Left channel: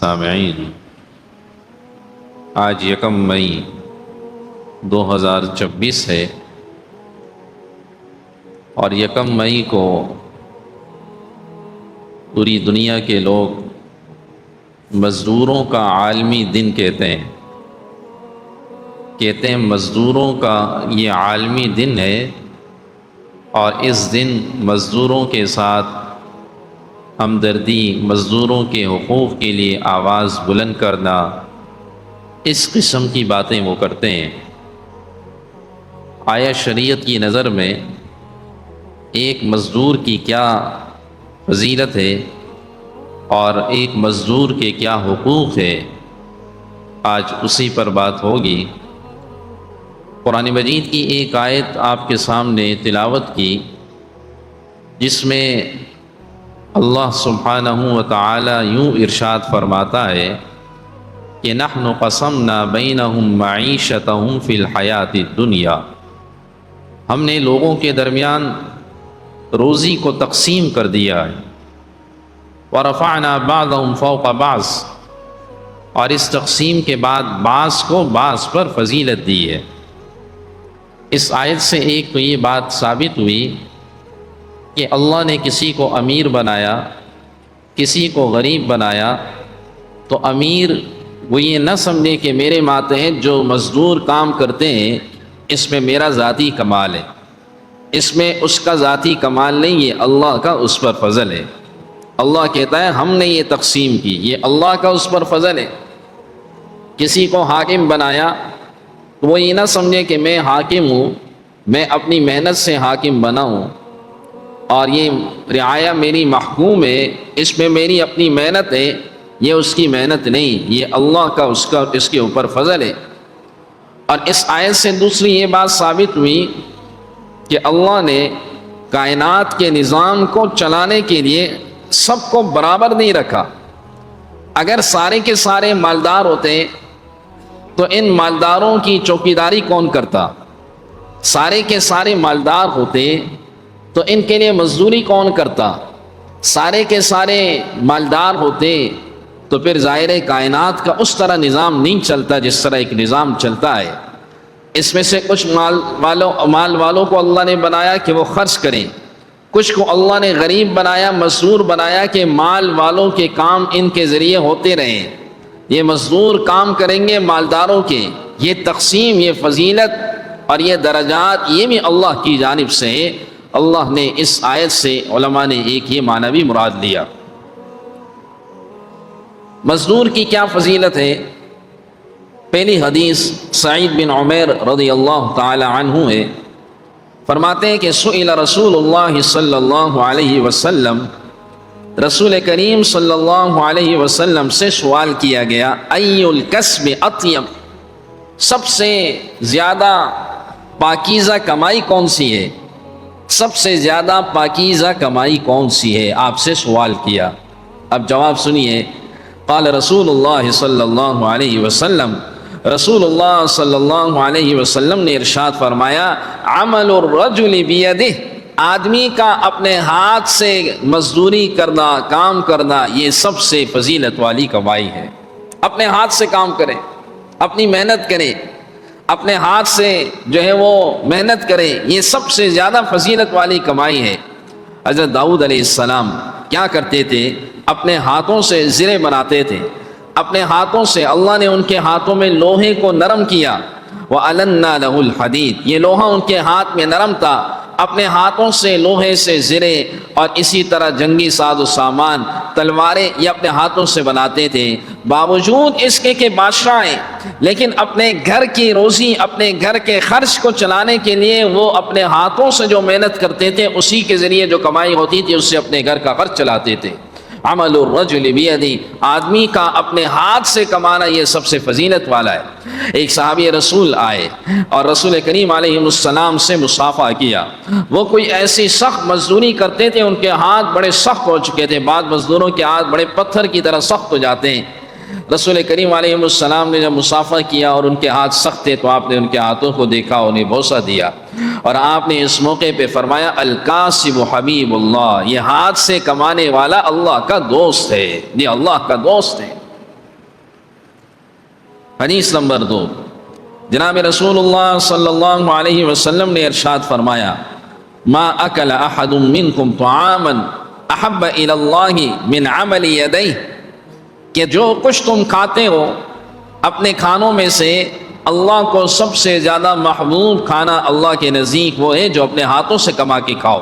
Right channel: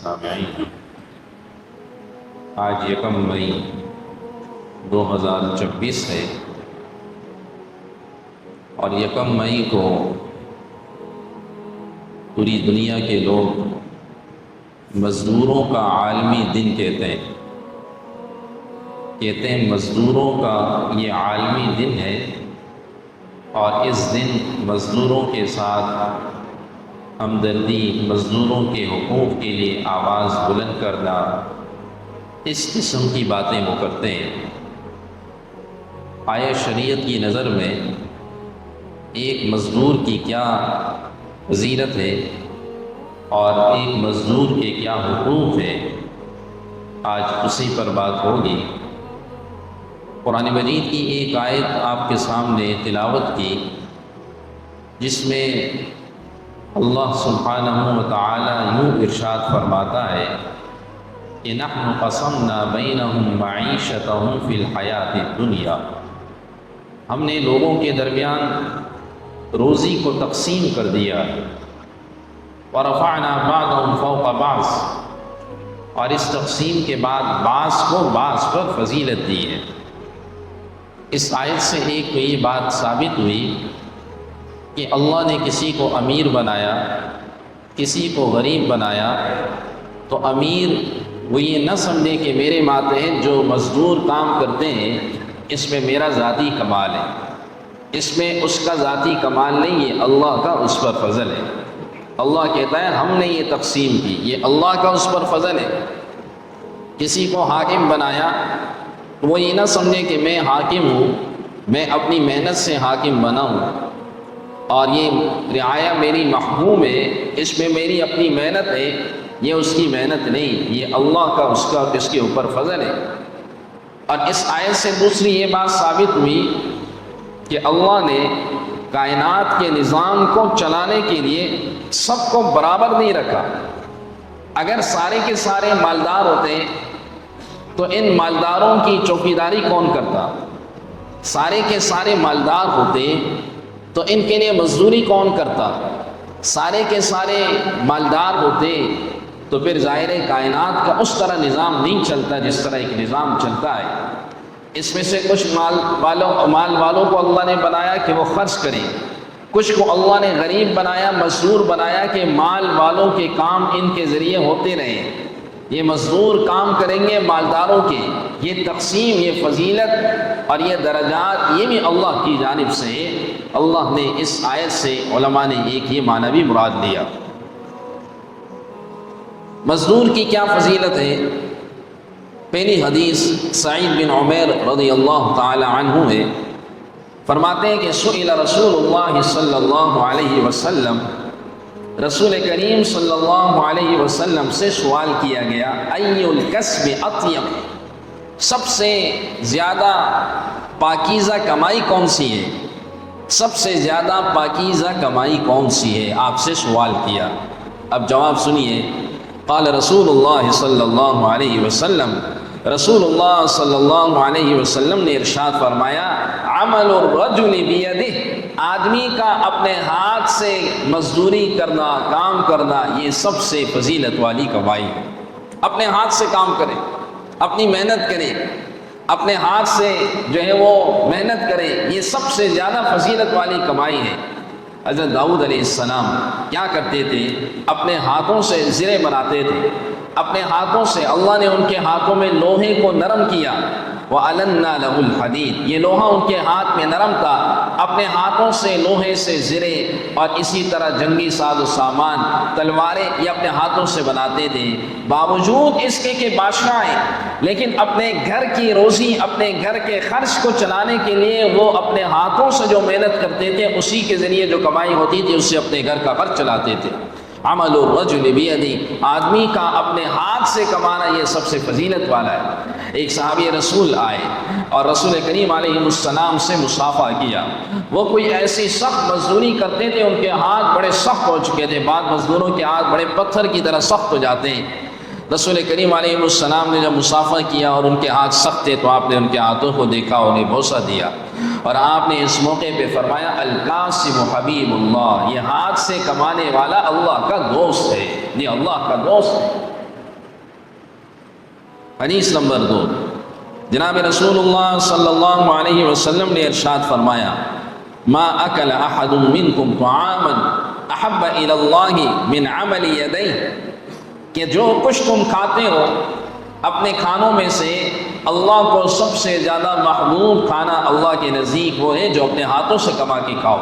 سامعین، آج 1 مئی 2026 ہے اور 1 مئی کو پوری دنیا کے لوگ مزدوروں کا عالمی دن کہتے ہیں مزدوروں کا یہ عالمی دن ہے، اور اس دن مزدوروں کے ساتھ ہمدردی، مزدوروں کے حقوق کے لیے آواز بلند کرنا، اس قسم کی باتیں وہ کرتے ہیں۔ آیا شریعت کی نظر میں ایک مزدور کی کیا فضیلت ہے اور ایک مزدور کے کیا حقوق ہے، آج اسی پر بات ہوگی۔ قرآن مجید کی ایک آیت آپ کے سامنے تلاوت کی، جس میں اللہ سبحانہ و تعالی یوں ارشاد فرماتا ہے کہ نحن قسمنا بینہم معیشتہم فی الحیات الدنیا، ہم نے لوگوں کے درمیان روزی کو تقسیم کر دیا ہے، ورفعنا بعضہم فوق بعض، اور اس تقسیم کے بعد بعض کو بعض پر فضیلت دی ہے۔ اس آیت سے ایک تو یہ بات ثابت ہوئی کہ اللہ نے کسی کو امیر بنایا، کسی کو غریب بنایا، تو امیر وہ یہ نہ سمجھے کہ میرے ماتحت جو مزدور کام کرتے ہیں اس میں میرا ذاتی کمال ہے، اس میں اس کا ذاتی کمال نہیں، یہ اللہ کا اس پر فضل ہے۔ اللہ کہتا ہے ہم نے یہ تقسیم کی، یہ اللہ کا اس پر فضل ہے۔ کسی کو حاکم بنایا تو وہ یہ نہ سمجھے کہ میں حاکم ہوں، میں اپنی محنت سے حاکم بنا ہوں، اور یہ رعایا میری محکوم ہے، اس میں میری اپنی محنت ہے، یہ اس کی محنت نہیں، یہ اللہ کا اس کے اوپر فضل ہے۔ اور اس آیت سے دوسری یہ بات ثابت ہوئی کہ اللہ نے کائنات کے نظام کو چلانے کے لیے سب کو برابر نہیں رکھا۔ اگر سارے کے سارے مالدار ہوتے تو ان مالداروں کی چوکیداری کون کرتا؟ سارے کے سارے مالدار ہوتے تو ان کے لیے مزدوری کون کرتا؟ سارے کے سارے مالدار ہوتے تو پھر ظاہر کائنات کا اس طرح نظام نہیں چلتا جس طرح ایک نظام چلتا ہے۔ اس میں سے کچھ مال والوں کو اللہ نے بنایا کہ وہ خرچ کریں، کچھ کو اللہ نے غریب بنایا، مزدور بنایا کہ مال والوں کے کام ان کے ذریعے ہوتے رہیں، یہ مزدور کام کریں گے مالداروں کے۔ یہ تقسیم، یہ فضیلت اور یہ درجات، یہ بھی اللہ کی جانب سے اللہ نے اس آیت سے علماء نے ایک یہ معنی بھی مراد لیا۔ مزدور کی کیا فضیلت ہے؟ پہلی حدیث سعید بن عمیر رضی اللہ تعالی عنہ ہے، فرماتے ہیں کہ سئل رسول اللہ صلی اللہ علیہ وسلم، رسول کریم صلی اللہ علیہ وسلم سے سوال کیا گیا، ای الکسب اطیب، سب سے زیادہ پاکیزہ کمائی کون سی ہے؟ سب سے زیادہ پاکیزہ کمائی کون سی ہے؟ آپ سے سوال کیا۔ اب جواب سنیے، قال رسول اللہ صلی اللہ علیہ وسلم، رسول اللہ صلی اللہ علیہ وسلم نے ارشاد فرمایا، عمل الرجل بیدہ، آدمی کا اپنے ہاتھ سے مزدوری کرنا، کام کرنا، یہ سب سے فضیلت والی کمائی ہے۔ اپنے ہاتھ سے کام کریں، اپنی محنت کریں، اپنے ہاتھ سے جو ہے وہ محنت کرے، یہ سب سے زیادہ فضیلت والی کمائی ہے۔ حضرت داؤد علیہ السلام کیا کرتے تھے؟ اپنے ہاتھوں سے زرے بناتے تھے، اپنے ہاتھوں سے اللہ نے ان کے ہاتھوں میں لوہے کو نرم کیا، وَأَلَنَّا لَهُ الْحَدِيدِ، یہ لوہا ان کے ہاتھ میں نرم تھا، اپنے ہاتھوں سے لوہے سے زرے اور اسی طرح جنگی ساز و سامان، تلواریں، یہ اپنے ہاتھوں سے بناتے تھے۔ باوجود اس کے کہ بادشاہ ہیں، لیکن اپنے گھر کی روزی، اپنے گھر کے خرچ کو چلانے کے لیے وہ اپنے ہاتھوں سے جو محنت کرتے تھے، اسی کے ذریعے جو کمائی ہوتی تھی اس سے اپنے گھر کا خرچ چلاتے تھے۔ عمل الرجل بیدہ، آدمی کا اپنے ہاتھ سے کمانا یہ سب سے فضیلت والا ہے۔ ایک صحابی رسول آئے اور رسول کریم علیہ السلام سے مصافحہ کیا۔ وہ کوئی ایسی سخت مزدوری کرتے تھے، ان کے ہاتھ بڑے سخت ہو چکے تھے، بعض مزدوروں کے ہاتھ بڑے پتھر کی طرح سخت ہو جاتے ہیں۔ رسول کریم علیہ السلام نے جب مصافحہ کیا اور ان کے ہاتھ سخت تھے تو آپ نے ان کے ہاتھوں کو دیکھا، انہیں بوسہ دیا، اور آپ نے اس موقع پہ فرمایا الکاسب حبیب اللہ، یہ ہاتھ سے کمانے والا اللہ کا دوست ہے، یہ اللہ کا دوست ہے۔ حدیث نمبر 2، جناب رسول اللہ صلی اللہ علیہ وسلم نے ارشاد فرمایا، ما اکل احد منکم طعاما احب الی اللہ من عمل یدیہ، کہ جو کچھ تم کھاتے ہو اپنے کھانوں میں سے اللہ کو سب سے زیادہ محبوب کھانا اللہ کے نزدیک وہ ہے جو اپنے ہاتھوں سے کما کے کھاؤ۔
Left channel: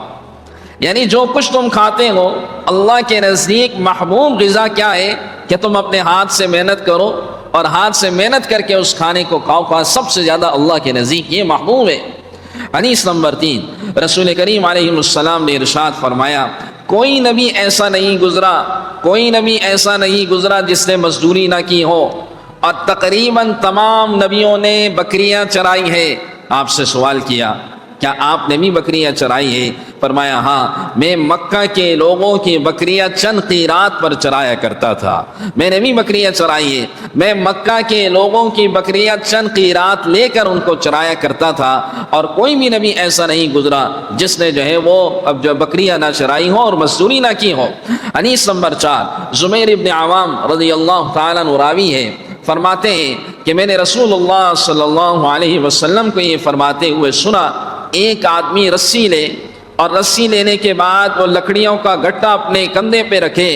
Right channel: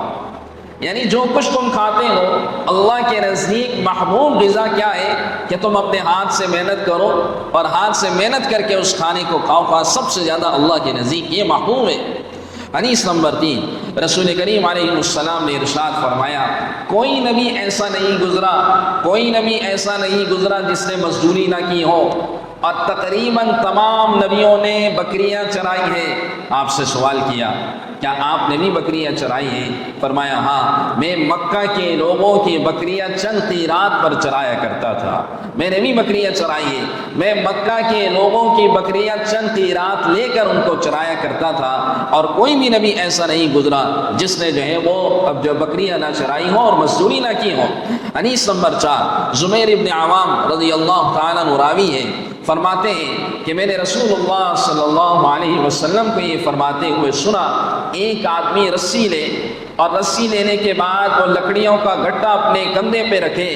یعنی جو کچھ تم کھاتے ہو اللہ کے نزدیک محبوب غذا کیا ہے کہ تم اپنے ہاتھ سے محنت کرو اور ہاتھ سے محنت کر کے اس کھانے کو کھاؤ، سب سے زیادہ اللہ کے نزدیک یہ محبوب ہے۔ حدیث نمبر 3، رسول کریم علیہ السلام نے ارشاد فرمایا، کوئی نبی ایسا نہیں گزرا جس نے مزدوری نہ کی ہو، اور تقریباً تمام نبیوں نے بکریاں چرائی ہے۔ آپ سے سوال کیا، کیا آپ نے بھی بکریاں چرائی ہے؟ فرمایا ہاں، میں مکہ کے لوگوں کی بکریاں چند قیرات پر چرایا کرتا تھا، میں نے بھی بکریاں چرائی ہے، میں مکہ کے لوگوں کی بکریاں چند قیرات لے کر ان کو چرایا کرتا تھا، اور کوئی بھی نبی ایسا نہیں گزرا جس نے جو ہے وہ اب جو بکریاں نہ چرائی ہوں اور مزدوری نہ کی ہو۔ حدیث نمبر 4، زبیر ابن عوام رضی اللہ تعالیٰ عنہ راوی ہے، فرماتے ہیں کہ میں نے رسول اللہ صلی اللہ علیہ وسلم کو یہ فرماتے ہوئے سنا، ایک آدمی رسی لے اور رسی لینے کے بعد وہ لکڑیوں کا گٹا اپنے کندھے پہ رکھے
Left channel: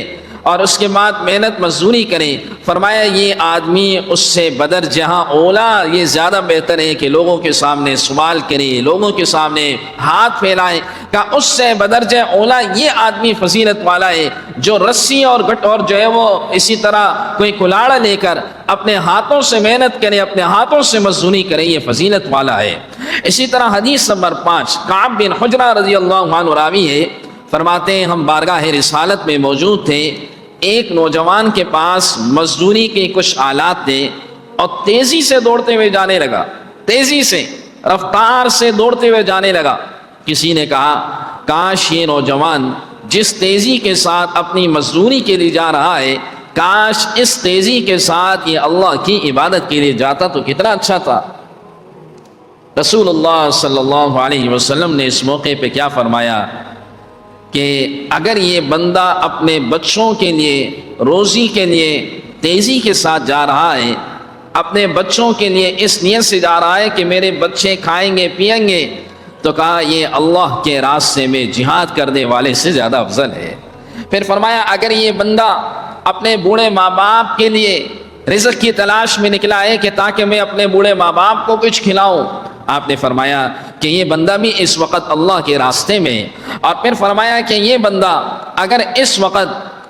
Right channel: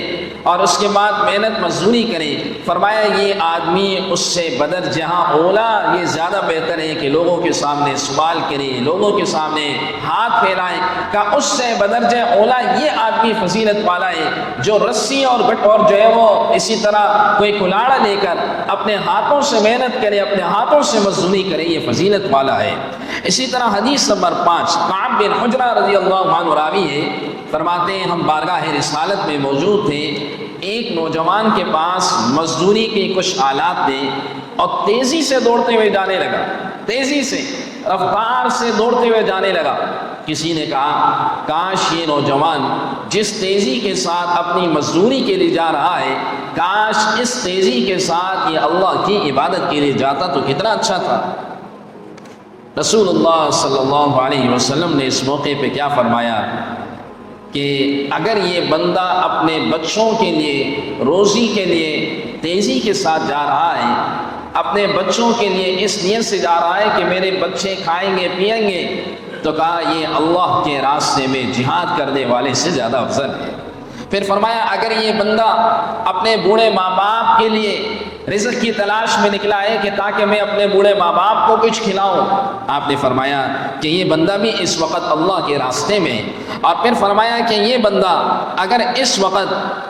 اور اس کے بعد محنت مزدوری کرے۔ فرمایا یہ آدمی اس سے بدر جہاں اولا، یہ زیادہ بہتر ہے کہ لوگوں کے سامنے سوال کرے، لوگوں کے سامنے ہاتھ پھیلائے، کہ اس سے بدر جہاں اولا یہ آدمی فضیلت والا ہے جو رسی اور گٹ اور جو ہے وہ اسی طرح کوئی کلاڑا لے کر اپنے ہاتھوں سے محنت کرے، اپنے ہاتھوں سے مزدوری کرے، یہ فضیلت والا ہے۔ اسی طرح حدیث نمبر 5، کعب بن حجرہ رضی اللہ عنہ راوی ہے، فرماتے ہیں ہم بارگاہ رسالت میں موجود تھے، ایک نوجوان کے پاس مزدوری کے کچھ آلات تھے اور تیزی سے دوڑتے ہوئے جانے لگا، تیزی سے رفتار سے دوڑتے ہوئے جانے لگا۔ کسی نے کہا کاش یہ نوجوان جس تیزی کے ساتھ اپنی مزدوری کے لیے جا رہا ہے، کاش اس تیزی کے ساتھ یہ اللہ کی عبادت کے لیے جاتا تو کتنا اچھا تھا۔ رسول اللہ صلی اللہ علیہ وسلم نے اس موقع پہ کیا فرمایا کہ اگر یہ بندہ اپنے بچوں کے لیے روزی کے لیے تیزی کے ساتھ جا رہا ہے، اپنے بچوں کے لیے اس نیت سے جا رہا ہے کہ میرے بچے کھائیں گے پیئیں گے، تو کہا یہ اللہ کے راستے میں جہاد کرنے والے سے زیادہ افضل ہے۔ پھر فرمایا اگر یہ بندہ اپنے بوڑھے ماں باپ کے لیے رزق کی تلاش میں نکلا ہے کہ تاکہ میں اپنے بوڑھے ماں باپ کو کچھ کھلاؤں، آپ نے فرمایا کہ یہ بندہ بھی اس وقت اللہ کے راستے میں۔ اور پھر فرمایا کہ یہ بندہ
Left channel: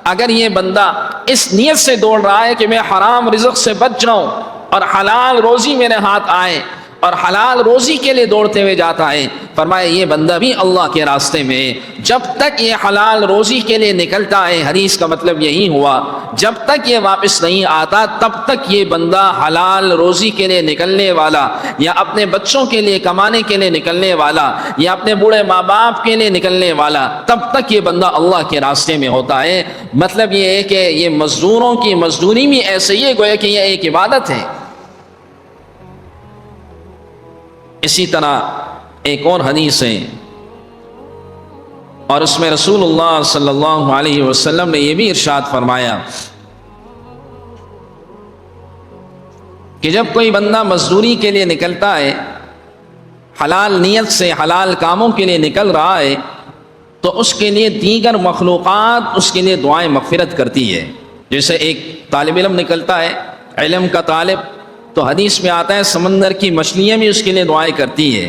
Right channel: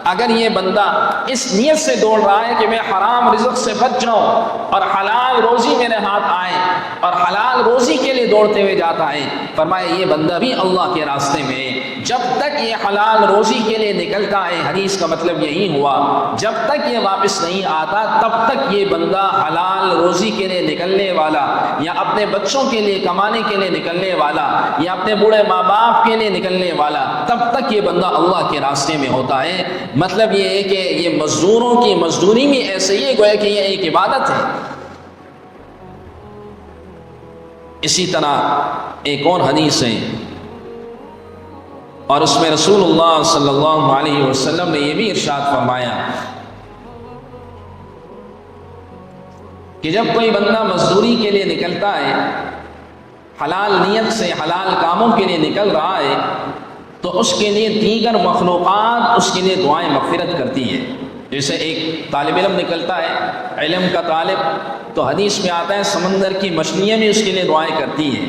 اگر یہ بندہ اس نیت سے دوڑ رہا ہے کہ میں حرام رزق سے بچ جاؤں اور حلال روزی میرے ہاتھ آئے اور حلال روزی کے لیے دوڑتے ہوئے جاتا ہے، فرمایا یہ بندہ بھی اللہ کے راستے میں۔ جب تک یہ حلال روزی کے لیے نکلتا ہے، حدیث کا مطلب یہی ہوا، جب تک یہ واپس نہیں آتا تب تک یہ بندہ حلال روزی کے لیے نکلنے والا، یا اپنے بچوں کے لیے کمانے کے لیے نکلنے والا، یا اپنے بوڑھے ماں باپ کے لیے نکلنے والا، تب تک یہ بندہ اللہ کے راستے میں ہوتا ہے۔ مطلب یہ ہے کہ یہ مزدوروں کی مزدوری بھی ایسے ہی ہے، گویا کہ یہ ایک عبادت ہے۔ اسی طرح ایک اور حدیث ہے اور اس میں رسول اللہ صلی اللہ علیہ وسلم نے یہ بھی ارشاد فرمایا کہ جب کوئی بندہ مزدوری کے لیے نکلتا ہے، حلال نیت سے حلال کاموں کے لیے نکل رہا ہے، تو اس کے لیے دیگر مخلوقات اس کے لیے دعائیں مغفرت کرتی ہے۔ جیسے ایک طالب علم نکلتا ہے، علم کا طالب، تو حدیث میں آتا ہے سمندر کی مچھلیاں بھی اس کے لیے دعائیں کرتی ہیں،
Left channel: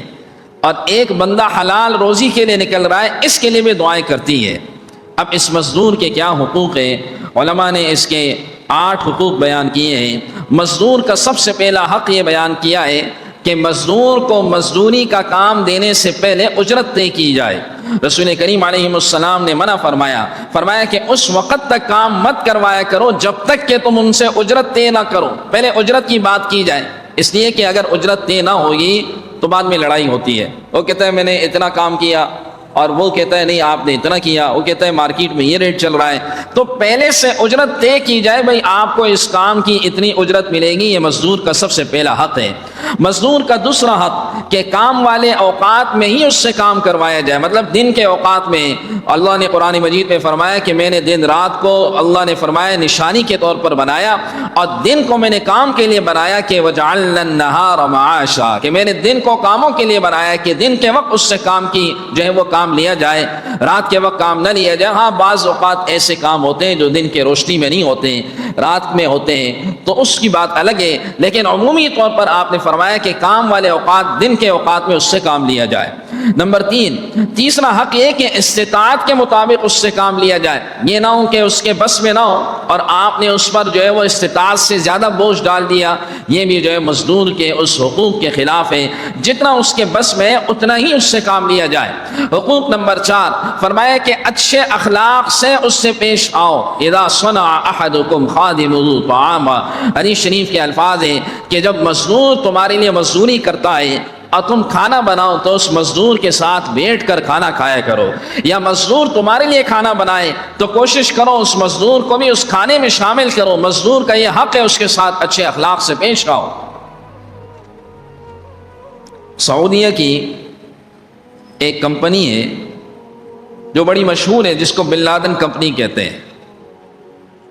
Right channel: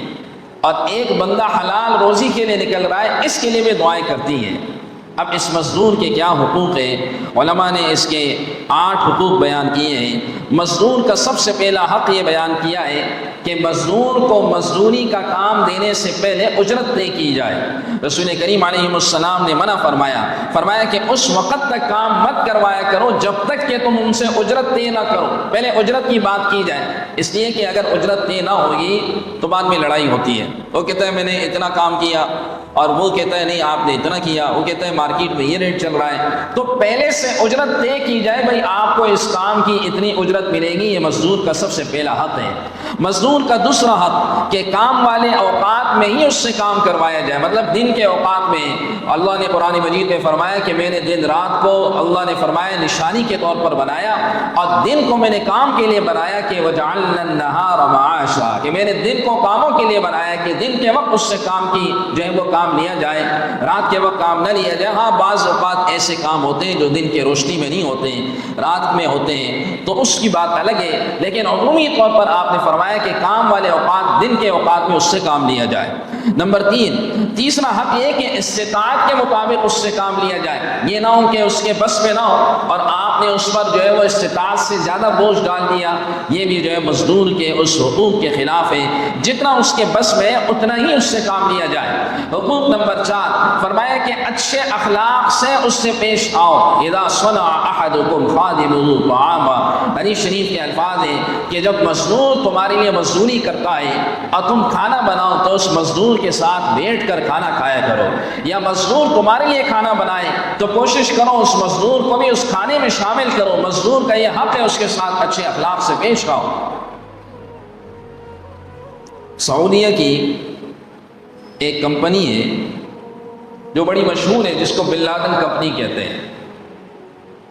اور ایک بندہ حلال روزی کے لیے نکل رہا ہے، اس کے لیے بھی دعائیں کرتی ہے۔ اب اس مزدور کے کیا حقوق ہیں؟ علماء نے اس کے 8 حقوق بیان کیے ہیں۔ مزدور کا سب سے پہلا حق یہ بیان کیا ہے کہ مزدور کو مزدوری کا کام دینے سے پہلے اجرت طے کی جائے۔ رسول کریم علیہ السلام نے منع فرمایا کہ اس وقت تک کام مت کروایا کرو جب تک کہ تم ان سے اجرت طے نہ کرو، پہلے اجرت کی بات کی جائے، اس لیے کہ اگر اجرت طے نہ ہوگی تو بعد میں لڑائی ہوتی ہے۔ وہ کہتا ہے میں نے اتنا کام کیا اور وہ کہتا ہے نہیں آپ نے اتنا کیا، وہ کہتا ہے مارکیٹ میں یہ ریٹ چل رہا ہے، تو پہلے سے اجرت طے کی جائے، بھائی آپ کو اس کام کی اتنی اجرت ملے گی، یہ مزدور کا سب سے پہلا حق ہے۔ مزدور کا دوسرا حق کہ کام والے اوقات میں ہی اس سے کام کروایا جائے، مطلب دن کے اوقات میں اللہ نے قرآن مجید میں فرمایا کہ میں نے دن رات کو اللہ نے فرمایا نشانی کے طور پر بنایا، اور دن کو میں نے کام کے لیے بنایا کہ وجعلنا النہار معاشا، کہ میں نے دن کو کاموں کے لیے بنایا کہ دن کے وقت اس سے کام کی جو ہے وہ کام لیا جائے، رات کے وقت کام نہ لیا جائے۔ ہاں بعض اوقات ایسے کام ہوتے ہیں جو دن کے روشنی میں نہیں ہوتے ہیں، رات میں ہوتے ہیں، تو اس کی بات الگ ہے، لیکن عمومی طور پر آپ نے فرمایا کہ کام والے اوقات دن کے اوقات میں اس سے کام لیا جائے۔ نمبر تیسرا حق یہ کہ استطاعت کے مطابق اس سے کام لیا جائے، یہ نہ ہو کہ اس کے بس میں نہ ہو اور آپ نے اس پر جو ہے وہ استطاعت سے زیادہ بوجھ ڈال دیا، یہ بھی جو ہے مزدور کے اس حقوق کے خلاف ہے۔ جتنا اس کے بس میں اتنا ہی اس سے کام لیا جائے۔ حقوق نمبر 4 فرمایا کہ اچھے اخلاق سے اس سے پیش آؤ۔ اذا صنع احدکم خادمہ طعاما، حدیث شریف کے الفاظ ہیں کہ جب مزدور تمہارے لیے مزدوری کرتا ہے اور تم کھانا بناؤ تو اس مزدور کے ساتھ بیٹھ کر کھانا کھایا کرو، یا مزدور تمہارے لیے کھانا بنائے تو کوشش کرو اس مزدور کو بھی اس کھانے میں شامل کرو، مزدور کا یہ حق ہے اس کے ساتھ اچھے اخلاق سے پیش آؤ۔ سعودیہ کی ایک کمپنی ہے جو بڑی مشہور ہے، جس کو بن لادن کمپنی کہتے ہیں،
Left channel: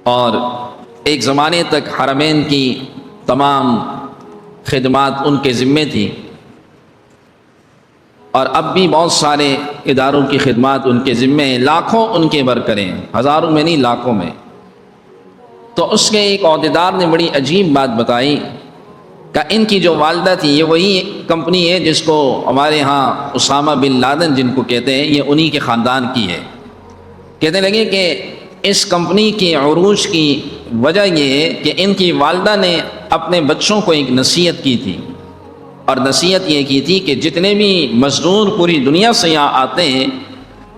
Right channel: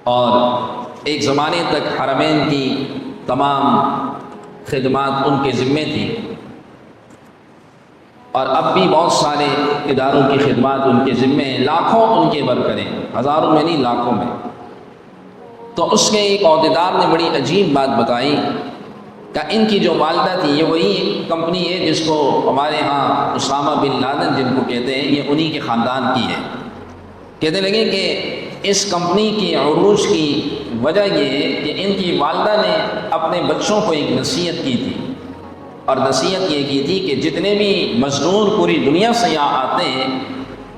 اور ایک زمانے تک حرمین کی تمام خدمات ان کے ذمے تھی، اور اب بھی بہت سارے اداروں کی خدمات ان کے ذمے ہیں، لاکھوں ان کے ورکریں، ہزاروں میں نہیں لاکھوں میں۔ تو اس کے ایک عہدیدار نے بڑی عجیب بات بتائی کہ ان کی جو والدہ تھی، یہ وہی کمپنی ہے جس کو ہمارے ہاں اسامہ بن لادن جن کو کہتے ہیں، یہ انہی کے خاندان کی ہے۔ کہنے لگے کہ اس کمپنی کے عروج کی وجہ یہ ہے کہ ان کی والدہ نے اپنے بچوں کو ایک نصیحت کی تھی، اور نصیحت یہ کی تھی کہ جتنے بھی مزدور پوری دنیا سے یہاں آتے ہیں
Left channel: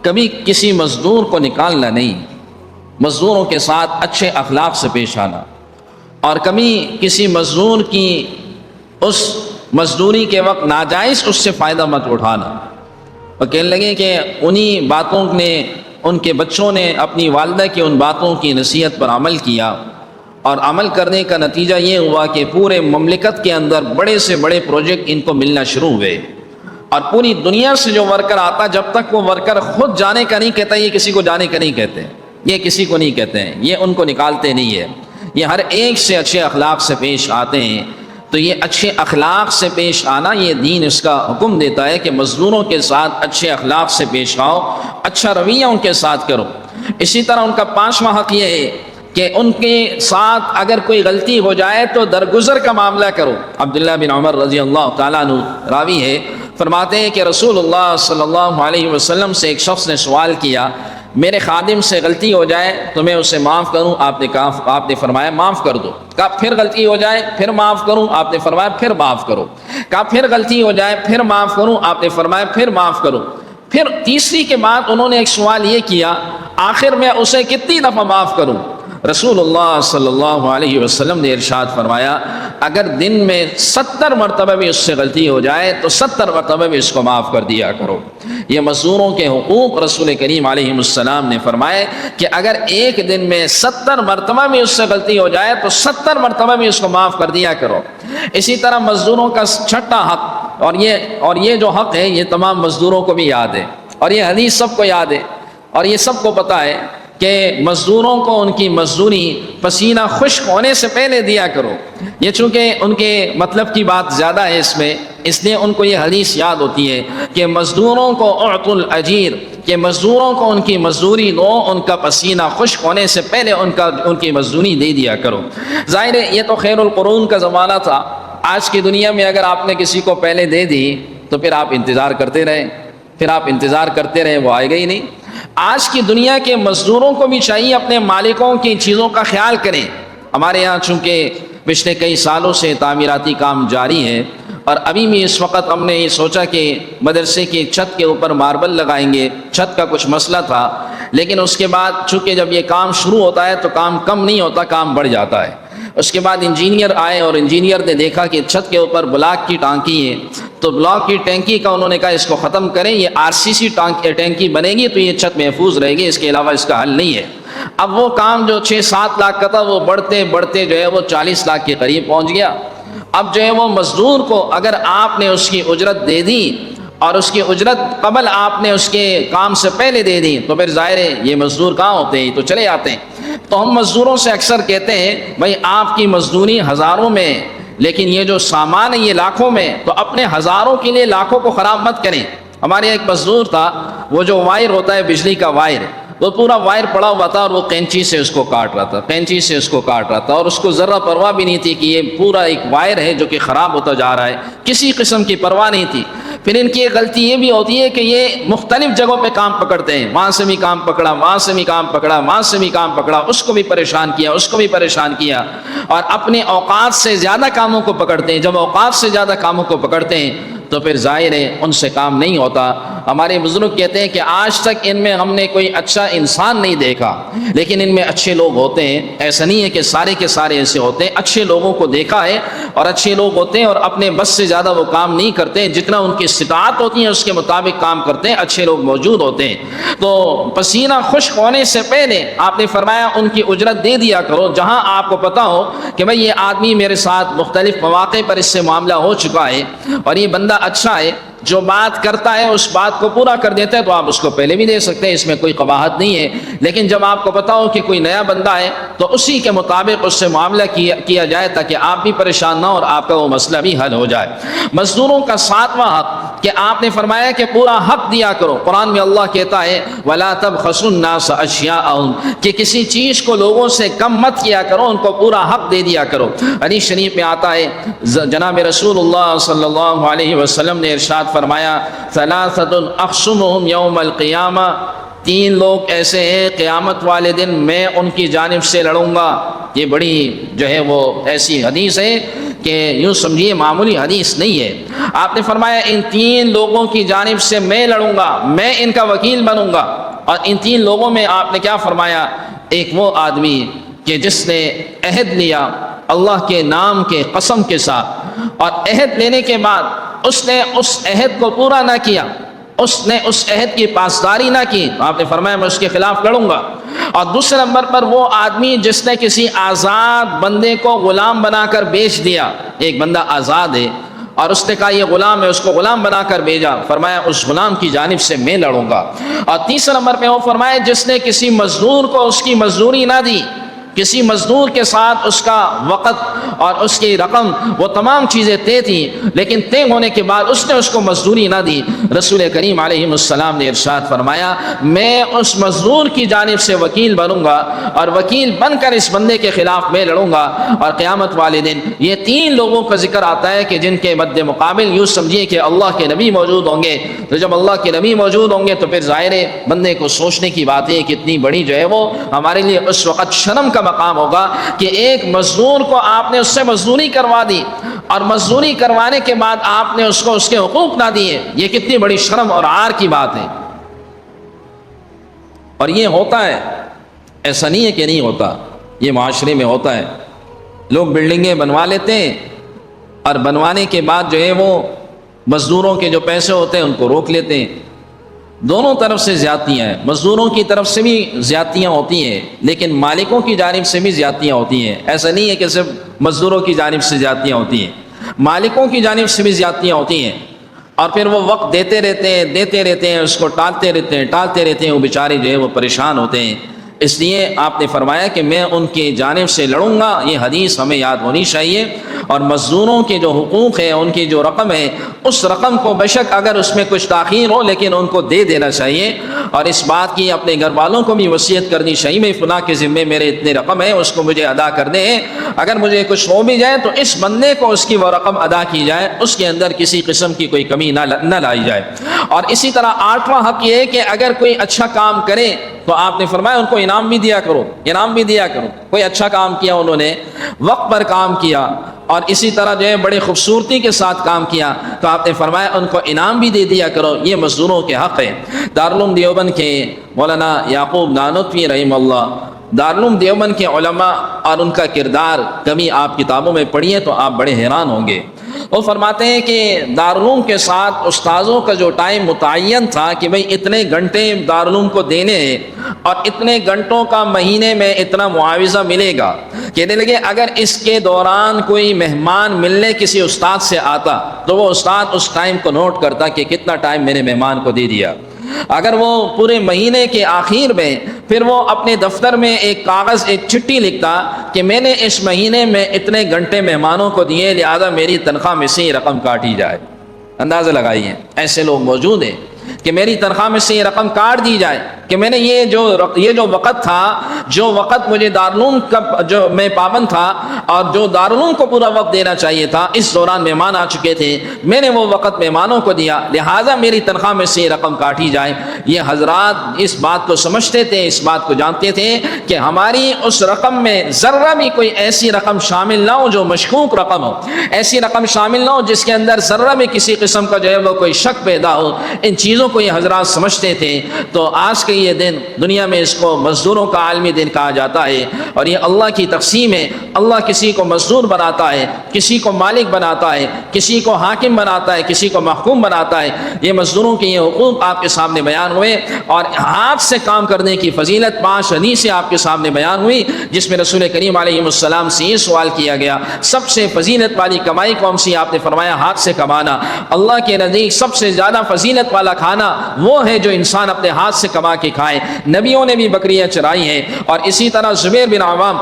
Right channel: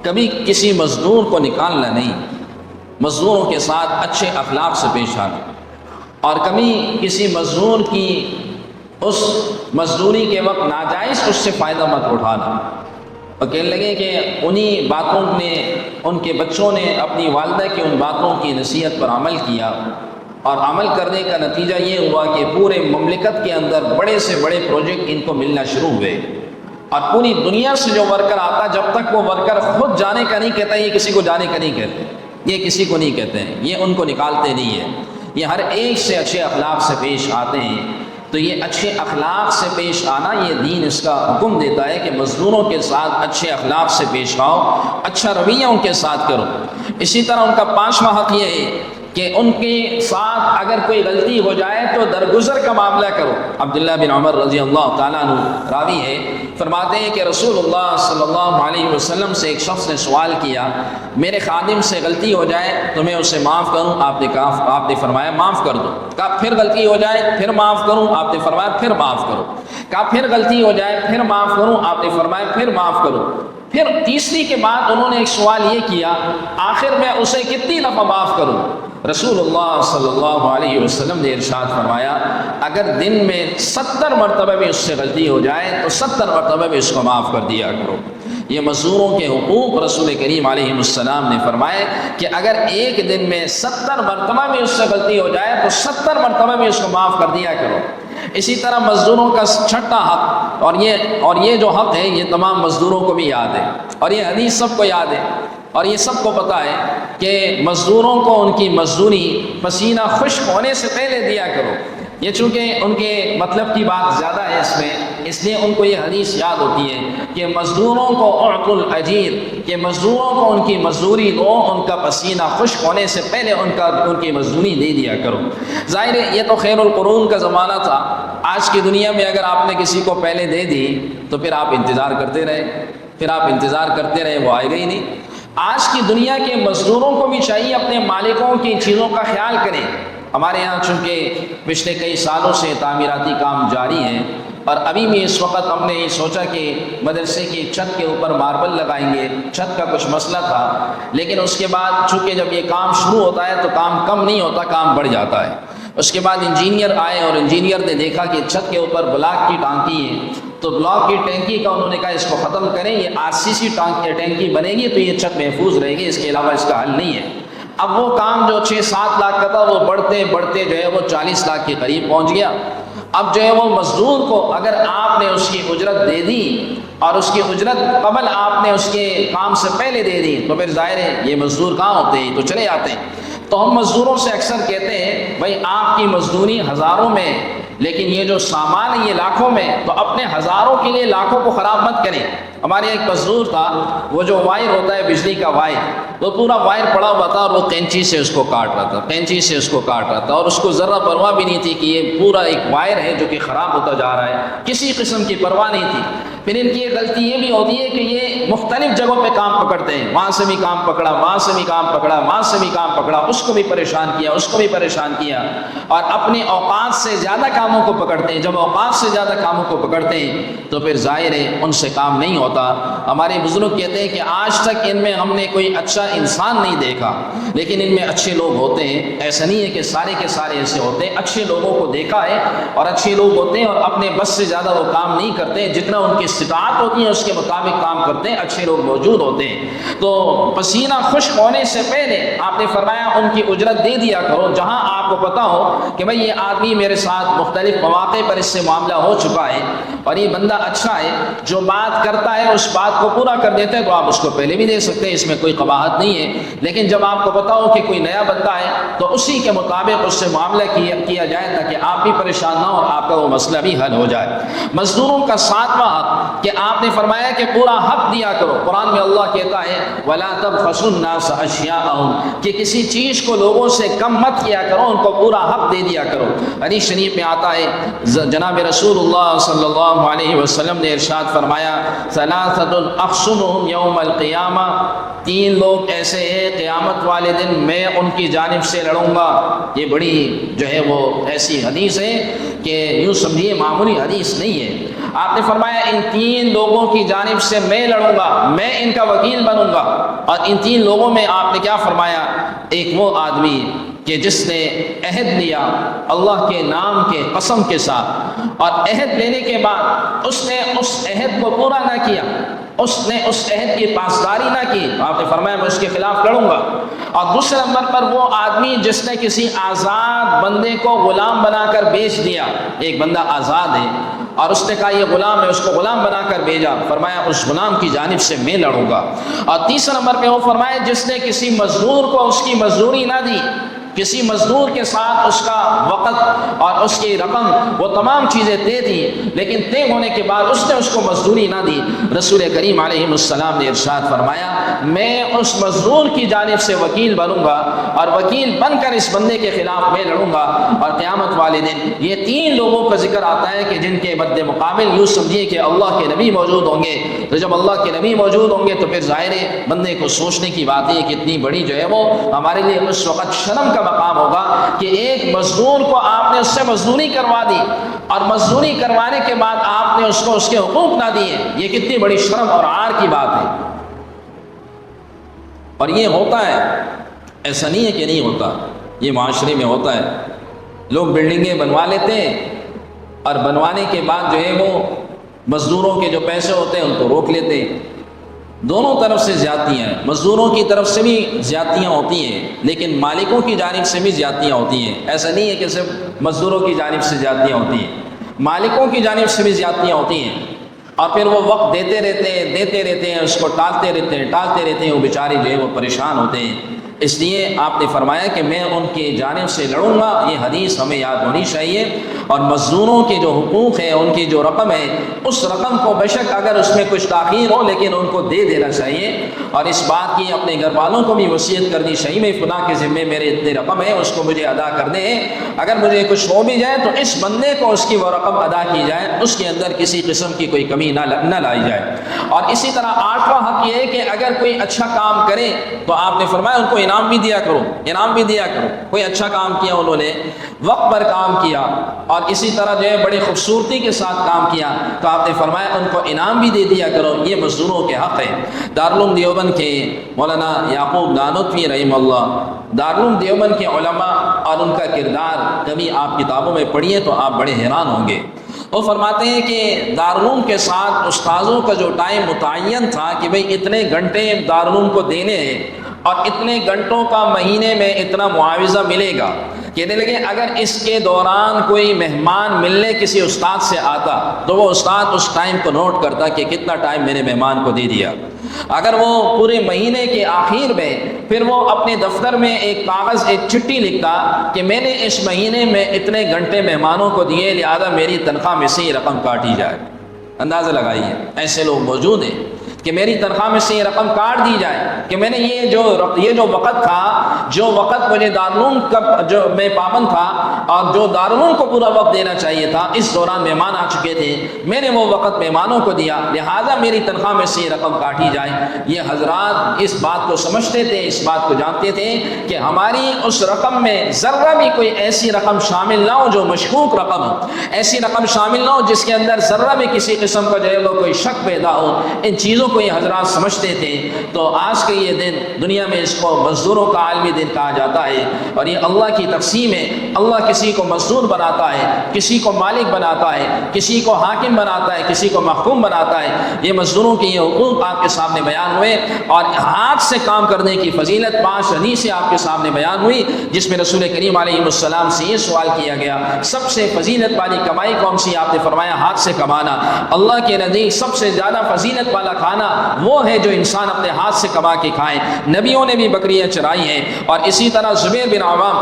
کبھی کسی مزدور کو نکالنا نہیں، مزدوروں کے ساتھ اچھے اخلاق سے پیش آنا، اور کبھی کسی مزدور کی اس مزدوری کے وقت ناجائز اس سے فائدہ مت اٹھانا۔ اور کہنے لگے کہ انہی باتوں نے، ان کے بچوں نے اپنی والدہ کی ان باتوں کی نصیحت پر عمل کیا، اور عمل کرنے کا نتیجہ یہ ہوا کہ پورے مملکت کے اندر بڑے سے بڑے پروجیکٹ ان کو ملنا شروع ہوئے، اور پوری دنیا سے جو ورکر آتا، جب تک وہ ورکر خود جانے کا نہیں کہتا، یہ کسی کو جانے کا نہیں کہتے، یہ کسی کو نہیں کہتے ہیں، یہ ان کو نکالتے نہیں ہے، یہ ہر ایک سے اچھے اخلاق سے پیش آتے ہیں۔ تو یہ اچھے اخلاق سے پیش آنا، یہ دین اس کا حکم دیتا ہے کہ مزدوروں کے ساتھ اچھے اخلاق سے پیش آؤ، اچھا رویہ ان کے ساتھ کرو۔ اسی طرح ان کا 5واں حق یہ ہے کہ ان کے ساتھ اگر کوئی غلطی ہو جائے تو درگزر کا معاملہ کرو۔ عبداللہ بن عمر رضی اللہ تعالیٰ عنہ راوی ہے، فرماتے ہیں کہ رسول اللہ صلی اللہ علیہ وسلم سے ایک شخص نے سوال کیا، میرے خادم سے غلطی ہو جائے تو میں اسے معاف کروں؟ آپ نے فرمایا معاف کر دو۔ کہا پھر غلطی ہو جائے پھر معاف کروں؟ آپ نے فرمایا پھر معاف کرو۔ کہا پھر غلطی ہو جائے پھر معاف کروں؟ آپ نے فرمایا پھر معاف کرو۔ پھر تیسری کے بعد انہوں نے ایک سوال یہ کیا، آخر میں اسے کتنی دفعہ معاف کروں؟ رسول اللہ صلی اللہ علیہ وسلم نے ارشاد فرمایا، اگر دن میں 70 مرتبہ بھی اس سے غلطی ہو جائے تو 70 مرتبہ بھی اس کو معاف کر دیا کرو۔ یہ مزدوروں کے حقوق رسول کریم علیہ السلام نے فرمائے کہ اگر ایک دن میں 70 مرتبہ بھی اس سے غلطی ہو جائے تو 70 مرتبہ بھی اس کو معاف کر دیا کرو۔ اسی طرح مزدوروں کا 6واں حق، اور یہ جو حق ہے یہ تمام مزدوروں کو بھی یاد ہے، اور یہ حدیث سب کو یاد ہے، اور یہ سب کو پتہ ہے کہ مزدوروں کو ان کی مزدوری پسینہ خشک ہونے سے پہلے دیا کرو۔ یہ چونکہ ان کے مطلب کی بات زیادہ ہے اس میں، اس لیے ان کو یہ حدیث یاد ہوتی ہے کہ مزدوروں کو اعط الاجیر، کہ مزدوروں کو ان کی مزدوری دو، ان کا پسینہ خشک ہونے سے پہلے ان کی مزدوری دے دیا کرو۔ ظاہر ہے یہ تو خیر القرون کا زمانہ تھا، آج کی دنیا میں اگر آپ نے کسی کو پہلے دے دی تو پھر آپ انتظار کرتے رہے، وہ آئے گا ہی نہیں۔ آج کی دنیا کے مزدوروں کو بھی چاہیے اپنے مالکوں کی چیزوں کا خیال کریں۔ ہمارے یہاں چونکہ پچھلے کئی سالوں سے تعمیراتی کام جاری ہے، اور ابھی بھی اس وقت ہم نے یہ سوچا کہ مدرسے کی چھت کے اوپر ماربل لگائیں گے، چھت کا کچھ مسئلہ تھا، لیکن اس کے بعد چونکہ جب یہ کام شروع ہوتا ہے تو کام کم نہیں ہوتا، کام بڑھ جاتا ہے۔ اس کے بعد انجینئر آئے اور انجینئر نے دیکھا کہ چھت کے اوپر بلاک کی ٹانکی ہے، تو بلاک کی ٹینکی کا انہوں نے کہا اس کو ختم کریں، یہ RCC ٹینکی بنے گی تو یہ چھت محفوظ رہے گی، اس کے علاوہ اس کا حل نہیں ہے۔ اب وہ کام جو 6-7 لاکھ کا تھا وہ بڑھتے بڑھتے جو ہے وہ 40 لاکھ کے قریب پہنچ گیا، اب جو ہے وہ مزدور کو اگر آپ نے اس کی اجرت دے دی اور اس کی اجرت قبل آپ نے اس کے کام سے پہلے دے دی تو پھر ظاہر ہے یہ مزدور کہاں ہوتے ہیں؟ تو چلے آتے ہیں۔ تو ہم مزدوروں سے اکثر کہتے ہیں بھائی آپ کی مزدوری ہزاروں میں، لیکن یہ جو سامان ہے یہ لاکھوں میں، تو اپنے ہزاروں کے لیے لاکھوں کو خراب مت کریں۔ ہمارے ایک مزدور تھا، وہ جو وائر ہوتا ہے بجلی کا وائر، وہ پورا وائر پڑا ہوا تھا اور وہ کینچی سے اس کو کاٹ رہا تھا، کینچی سے اس کو کاٹ رہا تھا، اور اس کو ذرہ پرواہ بھی نہیں تھی کہ یہ پورا ایک وائر ہے جو کہ خراب ہوتا جا رہا ہے، کسی قسم کی پرواہ نہیں تھی۔ پھر ان کی ایک غلطی یہ بھی ہوتی ہے کہ یہ مختلف جگہوں پہ کام پکڑتے ہیں، وہاں سے بھی کام پکڑا، وہاں سے بھی کام پکڑا، وہاں سے بھی کام پکڑا، اس کو بھی پریشان کیا، اس کو بھی پریشان کیا، اور اپنے اوقات سے زیادہ کاموں کو پکڑتے ہیں۔ جب اوقات سے زیادہ کاموں کو پکڑتے ہیں تو پھر ظاہر ہے ان سے کام نہیں ہوتا۔ ہمارے بزرگ کہتے ہیں کہ آج تک ان میں ہم نے کوئی اچھا انسان نہیں دیکھا، لیکن ان میں اچھے لوگ ہوتے ہیں۔ ایسا نہیں ہے کہ سارے کے سارے ایسے ہوتے ہیں، اچھے لوگوں کو دیکھا ہے اور اچھے لوگ ہوتے ہیں اور اپنے بس سے زیادہ وہ کام نہیں کرتے، جتنا ان کی استطاعت ہوتی ہے اس کے مطابق کام کرتے ہیں، اچھے لوگ موجود ہوتے ہیں۔ تو پسینہ خشک ہونے سے پہلے آپ نے فرمایا ان کی اجرت دے دیا کرو، جہاں آپ کو پتا ہو کہ بھئی یہ آدمی میرے ساتھ مختلف مواقع پر اس سے معاملہ ہو چکا ہے اور یہ بندہ اچھا ہے، جو بات کرتا ہے اس بات کو پورا کر دیتا ہے، تو آپ اس کو پہلے بھی دے سکتے ہیں، اس میں کوئی قباحت نہیں ہے۔ لیکن جب آپ کو پتا ہو کہ کوئی نیا بندہ ہے تو اسی کے مطابق اس سے معاملہ کیا جائے تاکہ آپ بھی پریشان نہ ہو اور آپ کا وہ مسئلہ بھی حل ہو جائے۔ مزدوروں کا 7واں حق کہ آپ نے فرمایا کہ پورا حق دیا کرو۔ قرآن میں اللہ کہتا ہے وَلَا تَبْخَسُوا النَّاسَ أَشْيَاءَهُمْ، کہ کسی چیز کو لوگوں سے کم مت کیا کرو، ان کو پورا حق دے دیا کرو۔ حدیث شریف میں آتا ہے جناب رسول اللہ صلی اللہ علیہ وسلم نے ارشاد فرمایا ثلاثة أخصمهم يوم القيامة، 3 لوگ ایسے ہیں قیامت والے دن میں ان کی جانب سے لڑوں گا۔ یہ بڑی جو ہے وہ ایسی حدیث ہے کہ یوں سمجھیے معمولی حدیث نہیں ہے۔ آپ نے فرمایا ان 3 لوگوں کی جانب سے میں لڑوں گا، میں ان کا وکیل بنوں گا۔ اور ان 3 لوگوں میں آپ نے کیا فرمایا؟ ایک وہ آدمی کہ جس نے عہد لیا اللہ کے نام کے قسم کے ساتھ، اور عہد لینے کے بعد اس نے اس عہد کو پورا نہ کیا، اس نے اس عہد کی پاسداری نہ کی، آپ نے فرمایا میں اس کے خلاف لڑوں گا۔ اور دوسرے نمبر پر وہ آدمی جس نے کسی آزاد بندے کو غلام بنا کر بیچ دیا، ایک بندہ آزاد ہے اور اس نے کہا یہ غلام ہے، اس کو غلام بنا کر بھیجا، فرمایا اس غلام کی جانب سے میں لڑوں گا۔ اور تیسرے نمبر پہ وہ فرمایا جس نے کسی مزدور کو اس کی مزدوری نہ دی، کسی مزدور کے ساتھ اس کا وقت اور اس کی رقم وہ تمام چیزیں طے تھیں، لیکن طے ہونے کے بعد اس نے اس کو مزدوری نہ دی، رسول کریم علیہ السلام نے ارشاد فرمایا میں اس مزدور کی جانب سے وکیل بنوں گا اور وکیل بن کر اس بندے کے خلاف میں لڑوں گا۔ اور قیامت والے دن یہ 3 لوگوں کا ذکر آتا ہے کہ جن کے مد مقابل یوں سمجھیے کہ اللہ کے نبی موجود ہوں گے۔ تو جب اللہ کے نبی موجود ہوں گے تو پھر ظاہر ہے بندے کو سوچنے کی بات ہے کہ اتنی بڑی جو ہے وہ ہمارے لیے اس وقت شرم کا مقام ہوگا کہ ایک مزدور کو آپ نے اس سے مزدوری کروا دی اور مزدوری کروانے کے بعد آپ نے اس کو اس کے حقوق نہ دیے، یہ کتنی بڑی شرم اور عار کی بات ہے۔ اور یہ ہوتا ہے، ایسا نہیں ہے کہ نہیں ہوتا، یہ معاشرے میں ہوتا ہے۔ لوگ بلڈنگیں بنوا لیتے ہیں اور بنوانے کے بعد جو ہے وہ مزدوروں کے جو پیسے ہوتے ہیں ان کو روک لیتے ہیں۔ دونوں طرف سے زیادتیاں ہیں، مزدوروں کی طرف سے بھی زیادتیاں ہوتی ہیں لیکن مالکوں کی جانب سے بھی زیادتیاں ہوتی ہیں۔ ایسا نہیں ہے کہ صرف مزدوروں کی جانب سے زیادتیاں ہوتی ہیں، مالکوں کی جانب سے بھی زیادتیاں ہوتی ہیں۔ اور پھر وہ وقت دیتے رہتے ہیں، اس کو ٹالتے رہتے ہیں، وہ بیچارے جو ہے وہ پریشان ہوتے ہیں۔ اس لیے آپ نے فرمایا کہ میں ان کی جانب سے لڑوں گا، یہ حدیث ہمیں یاد ہونی چاہیے۔ اور مزدوروں کے جو حقوق ہیں، ان کی جو رقم ہے، اس رقم کو بے شک اگر اس میں کچھ تاخیر ہو لیکن ان کو دے دینا چاہیے، اور اس بات کی اپنے گھر والوں کو بھی وصیت کرنی چاہیے میں فلاں کے ذمے میرے اتنے رقم ہے، اس کو مجھے ادا کر دیں، اگر مجھے کچھ ہو بھی جائے تو اس بندے کو اس کی وہ رقم ادا کی جائے، اس کے اندر کسی قسم کی کوئی کمی نہ لائی جائے۔ اور اسی طرح 8واں حق یہ ہے کہ اگر کوئی اچھا کام کرے تو آپ نے فرمایا ان کو انعام بھی دیا کرو۔ کوئی اچھا کام کیا، انہوں نے وقت پر کام کیا اور اسی طرح جو ہے بڑے خوبصورتی کے ساتھ کام کیا تو آپ نے فرمایا ان کو انعام بھی دے دیا کرو، یہ مزدوروں کے حق ہے۔ دارالعلوم دیوبند کے مولانا یعقوب نانوتوی رحمہ اللہ، دارالعلوم دیوبند کے علماء اور ان کا کردار کبھی آپ کتابوں میں پڑھیے تو آپ بڑے حیران ہوں گے۔ وہ فرماتے ہیں کہ دارالعلوم کے ساتھ استاذوں کا جو ٹائم متعین تھا کہ بھئی اتنے گھنٹے دارالعلوم کو دینے ہیں، اور اتنے گھنٹوں کا مہینے میں اتنا معاوضہ ملے گا۔ کہنے لگے اگر اس کے دوران کوئی مہمان ملنے کسی استاد سے آتا تو وہ استاد اس ٹائم کو نوٹ کرتا کہ کتنا ٹائم میں نے مہمان کو دے دیا۔ اگر وہ پورے مہینے کے آخر میں پھر وہ اپنے دفتر میں ایک کاغذ ایک چٹھی لکھتا کہ میں نے اس مہینے میں اتنے گھنٹے مہمانوں کو دیے، لہذا میری تنخواہ میں سے یہ رقم کاٹی جائے۔ اندازہ لگائیے، ایسے لوگ موجود ہیں کہ میری تنخواہ میں سے یہ رقم کاٹ دی جائے کہ میں نے یہ جو وقت تھا، جو وقت مجھے دارالعلوم کا جو میں پابند تھا اور جو دارالعلوم کو پورا وقت دینا چاہیے تھا، اس دوران مہمان آ چکے تھے، میں نے وہ وقت مہمانوں کو دیا، لہٰذا میری تنخواہ میں سے یہ رقم کاٹی جائے۔ یہ حضرات اس بات کو سمجھتے تھے، اس بات کو جانتے تھے کہ ہماری اس رقم میں ذرہ بھی کوئی ایسی رقم شامل نہ ہو جو مشکوک رقم ہو، ایسی رقم شامل نہ ہو جس کے اندر ذرہ بھی کسی قسم کا جو ہے وہ کوئی شک پیدا ہو۔ ان چیزوں کو یہ حضرات سمجھتے تھے۔ تو آج کے یہ دن دنیا میں اس کو مزدوروں کا عالمی دن کہا جاتا ہے، اور یہ اللہ کی تقسیم ہے۔ اللہ کسی کو مزدور بناتا ہے، کسی کو مالک بناتا ہے، کسی کو حاکم بناتا ہے، کسی کو محکوم بناتا ہے۔ یہ مزدوروں کے یہ حقوق آپ کے سامنے بیان ہوئے، اور ہاتھ سے کام کرنے کی فضیلت 5 حدیثیں آپ کے سامنے بیان ہوئی، جس میں رسول کریم علیہ السلام سے یہ سوال کیا گیا، سب سے فضیلت والی کمائی کون سی؟ آپ نے فرمایا ہاتھ سے کمانا۔ اللہ کے نزدیک سب سے زیادہ فضیلت والا کھانا وہ ہے جو انسان اپنے ہاتھ سے کما کے کھائے۔ نبیوں نے بھی بکریاں چرائی ہیں، اور اسی طرح زبیر بن عوام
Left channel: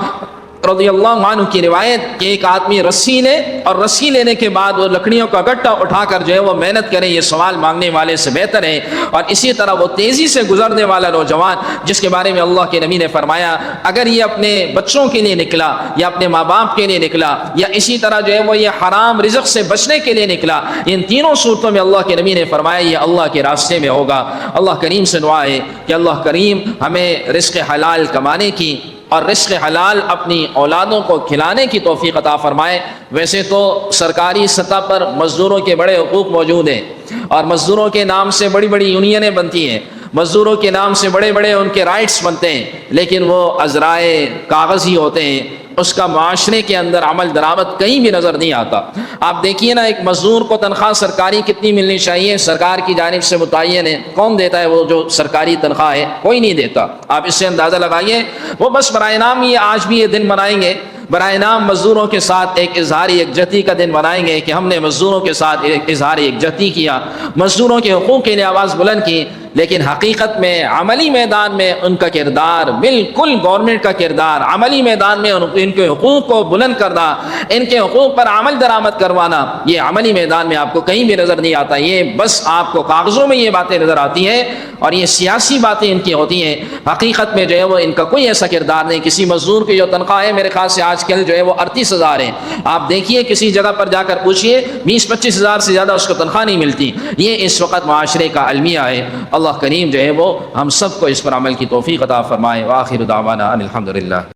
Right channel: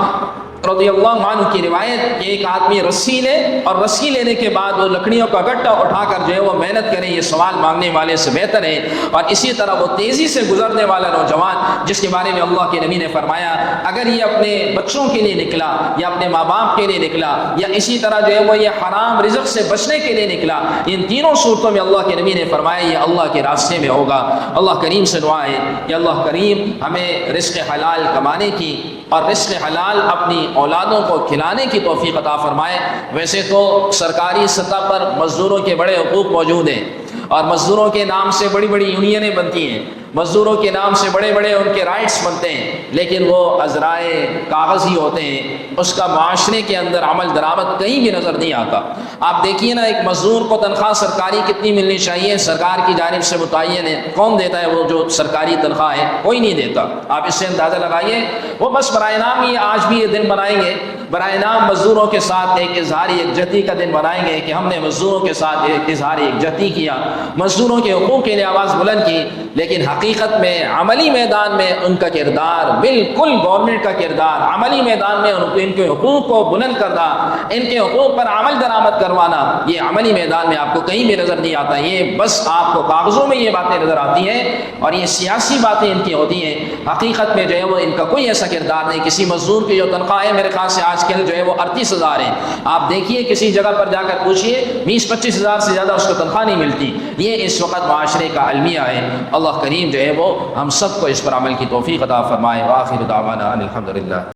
رضی اللہ عنہ کی روایت کہ ایک آدمی رسی لے، اور رسی لینے کے بعد وہ لکڑیوں کا گٹا اٹھا کر جو ہے وہ محنت کرے، یہ سوال مانگنے والے سے بہتر ہے۔ اور اسی طرح وہ تیزی سے گزرنے والا نوجوان جس کے بارے میں اللہ کے نبی نے فرمایا اگر یہ اپنے بچوں کے لیے نکلا، یا اپنے ماں باپ کے لیے نکلا، یا اسی طرح جو ہے وہ یہ حرام رزق سے بچنے کے لیے نکلا، ان تینوں صورتوں میں اللہ کے نبی نے فرمایا یہ اللہ کے راستے میں ہوگا۔ اللہ کریم سے دعا ہے کہ اللہ کریم ہمیں رزق حلال کمانے کی اور رزق حلال اپنی اولادوں کو کھلانے کی توفیق عطا فرمائے۔ ویسے تو سرکاری سطح پر مزدوروں کے بڑے حقوق موجود ہیں، اور مزدوروں کے نام سے بڑی بڑی یونینیں بنتی ہیں، مزدوروں کے نام سے بڑے بڑے ان کے رائٹس بنتے ہیں، لیکن وہ عذرائے کاغذی ہوتے ہیں، اس کا معاشرے کے اندر عمل درآمد کہیں بھی نظر نہیں آتا۔ آپ دیکھیے نا، ایک مزدور کو تنخواہ سرکاری کتنی ملنی چاہیے؟ سرکار کی جانب سے متعین ہے۔ کون دیتا ہے وہ جو سرکاری تنخواہ ہے؟ کوئی نہیں دیتا۔ آپ اس سے اندازہ لگائیے، وہ بس برائے نام یہ آج بھی یہ دن منائیں گے، برائے نام مزدوروں کے ساتھ ایک اظہار یکجہتی کا دن منائیں گے کہ ہم نے مزدوروں کے ساتھ ایک اظہار یکجہتی کیا، مزدوروں کے حقوق کے لیے آواز بلند کی، لیکن حقیقت میں عملی میدان میں ان کا کردار بالکل گورنمنٹ کا کردار، عملی میدان میں ان کے حقوق کو بلند کرنا، ان کے حقوق پر عمل درآمد کروانا، یہ عملی میدان میں آپ کو کہیں بھی نظر نہیں آتا۔ یہ بس آپ کو کاغذوں میں یہ باتیں نظر آتی ہیں، اور یہ سیاسی باتیں ان کی ہوتی ہیں۔ حقیقت میں جو ہے وہ ان کا کوئی ایسا کردار نہیں۔ کسی مزدور کی جو تنخواہ ہے میرے خیال سے آج کل جو ہے وہ 38,000 ہے۔ آپ دیکھیے کسی جگہ پر جا کر پوچھئے 20-25 ہزار سے زیادہ اس کو تنخواہ نہیں ملتی۔ یہ اس وقت معاشرے کا المیہ ہے۔ اللہ کریم جو ہے وہ ہم سب کو اس پر عمل کی توفیق عطا فرمائے۔ وآخر دعوانا ان الحمدللہ۔